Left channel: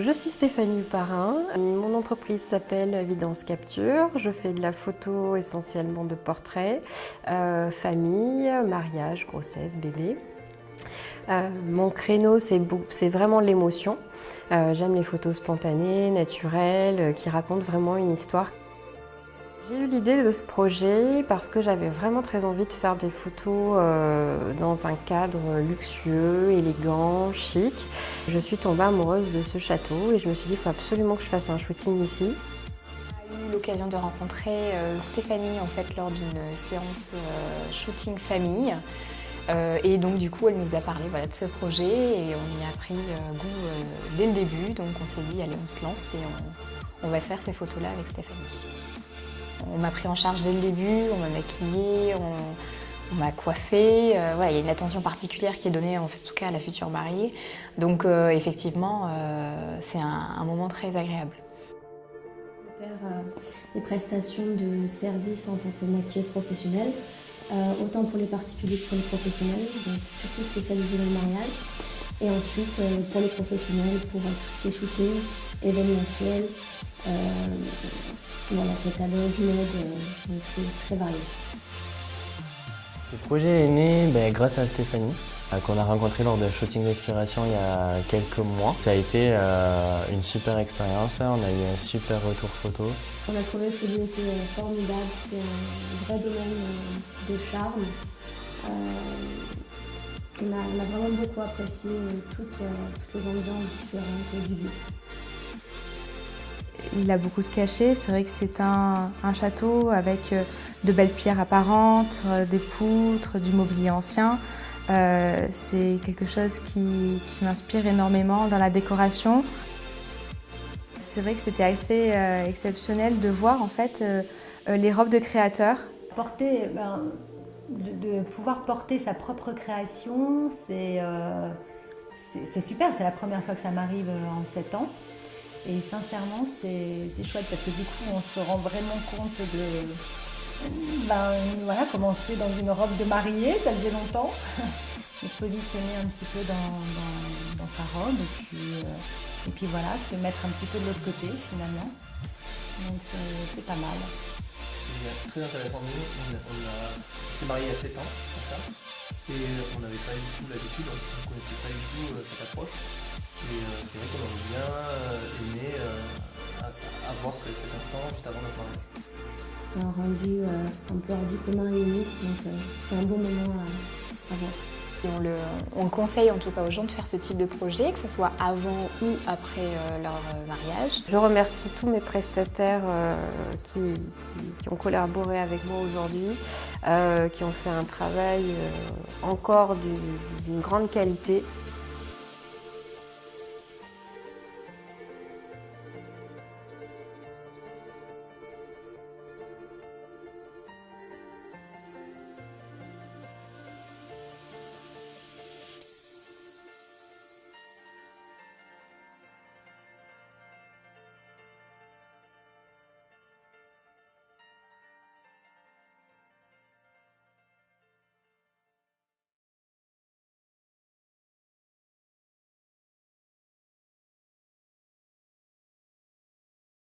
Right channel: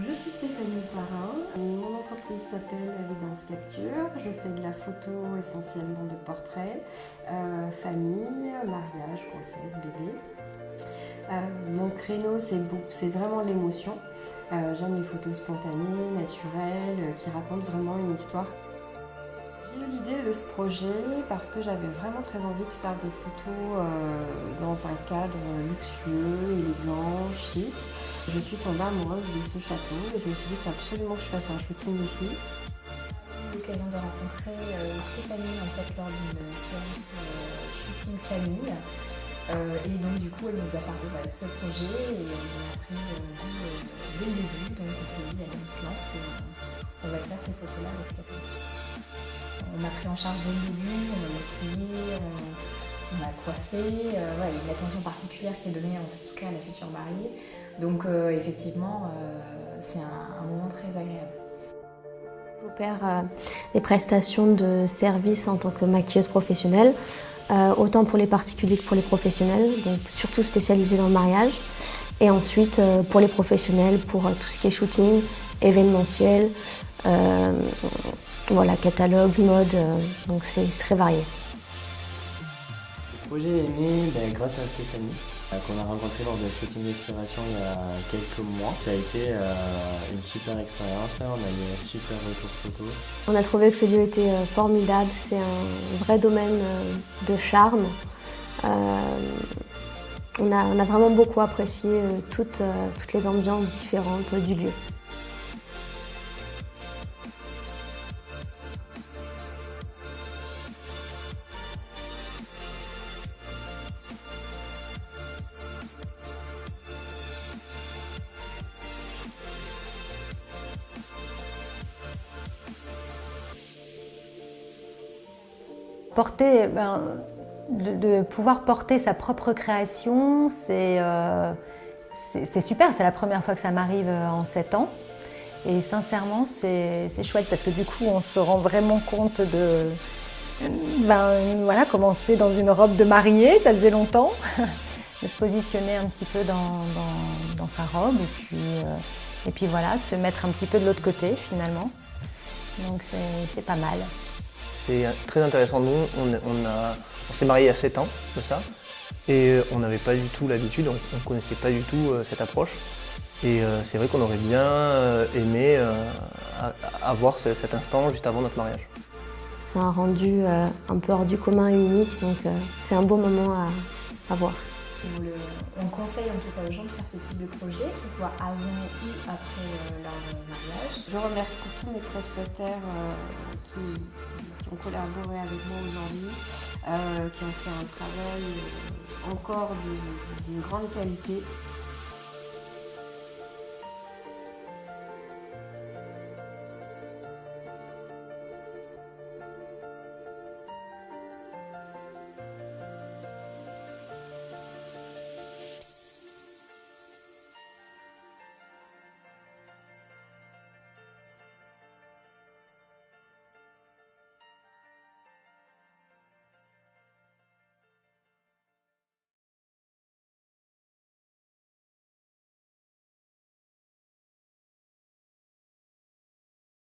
Je suis Stéphanie Parrain, mon entreprise s'appelle Evidence Capture, je fais de la photo essentiellement de portraits, famille, mariage, grossesse, bébé. Mon créneau c'est vraiment l'émotion, j'aime les photos spontanées, naturelles, qui racontent vraiment une histoire. J'ai eu l'idée de ce projet parce que j'avais vraiment très envie de faire des photos dans un cadre luxueux, élégant, chic. Je suis tombée amoureuse de ce château et je me suis dit qu'il faut absolument que je fasse un shooting ici. J'ai eu l'occasion de rencontrer Stéphanie en fait, lors d'une séance shooting famille. Et donc du coup elle nous a parlé de ce projet et on y a pris goût dès le début. Donc on s'est dit allez on se lance et on va faire ces photos-là avec Stéphanie. On m'a pris en charge dès le début, on m'a maquillée, on m'a coiffée. Il y a une attention particulière qui est donnée en tout cas à la future mariée. Donc effectivement, c'est un moment très agréable. J'opère des prestations de service en tant que maquilleuse professionnelle, autant pour les particuliers que pour les professionnels, donc surtout spécialisée dans le mariage. Et ensuite pour les professionnels, pour tout ce qui est shooting, événementiel, catalogue, mode, donc c'est très varié. Ce projet est né grâce à Stéphanie, qu'on a rencontré lors de Shooting d'Inspiration il y a quelques mois. Ça a été une super expérience, on a eu un super retour photo. On a trouvé que ce lieu était formidable, c'est un vrai domaine de charme. On a vraiment beaucoup apprécié toutes les ambiances différentes du lieu. Il a beaucoup de cachets, c'est vrai que c'est un château avec de belles pierres apparentes, des poutres, du mobilier ancien. C'est quelque chose qui m'inspire énormément dans la décoration. C'est vrai que c'était assez exceptionnel de voir en fait les robes de créateurs. De pouvoir porter sa propre création, c'est super, c'est la première fois que ça m'arrive en 7 ans. Et sincèrement, c'est chouette parce que du coup, on se rend vraiment compte de comment c'est dans une robe de mariée, ça faisait longtemps, de se positionner un petit peu dans sa robe et puis voilà, de se mettre un petit peu de l'autre côté finalement. Donc c'est pas mal. C'est très intéressant. Nous, on s'est mariés il y a 7 ans de ça et on n'avait pas du tout l'habitude, on ne connaissait pas du tout cette approche. Et c'est vrai qu'on aurait bien aimé avoir cet instant juste avant notre mariage. C'est un rendu un peu hors du commun et unique, donc c'est un beau moment à voir. Et on conseille en tout cas aux gens de faire ce type de projet, que ce soit avant ou après leur mariage. Je remercie tous mes prestataires qui ont collaboré avec moi aujourd'hui, qui ont fait un travail encore d'une grande qualité.